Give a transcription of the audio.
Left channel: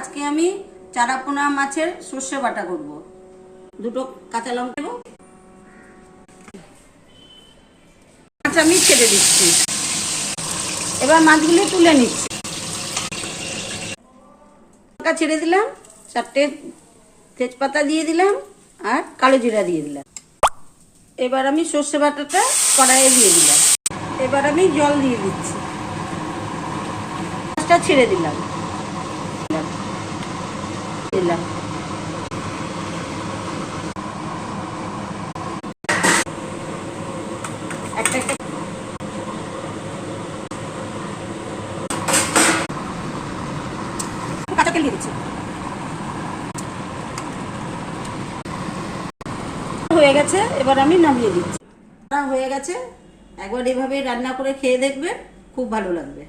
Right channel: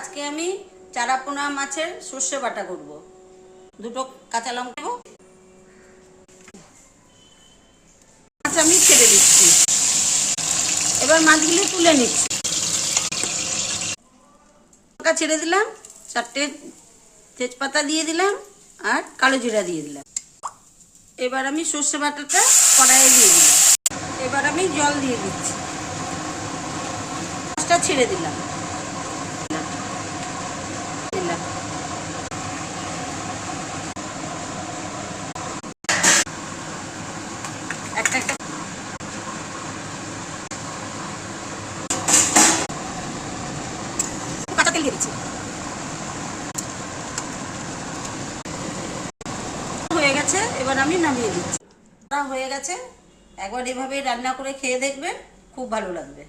আজকে আমি চারাপোনা মাছের সর্ষে বাটা করব। দুটো কাঁচা লঙ্কা দেব। মাছ আমি ছেড়ে দিচ্ছি। এবার মাছগুলি তুলে নিচ্ছি। লঙ্কা ছেড়ে দিলাম, 4টে তেজপাতা দিয়ে দিলাম আর কালো জিরা দিয়ে দিলাম। এবার আমি সর্ষে বাটাটা কড়াইয়ে দিয়ে দিলাম। এবার আমি জল দিয়ে দিচ্ছি। মাছটা ছেড়ে দিলাম দিলাম একটা একটা কাঁচা তেল দিয়ে দিচ্ছি। হয়ে গেছে, এবার আমি নামিয়ে দিচ্ছি। হয়ে গেছে, একবার এভাবে রান্না করে খেয়ে দেখবেন, খুব ভালো লাগবে।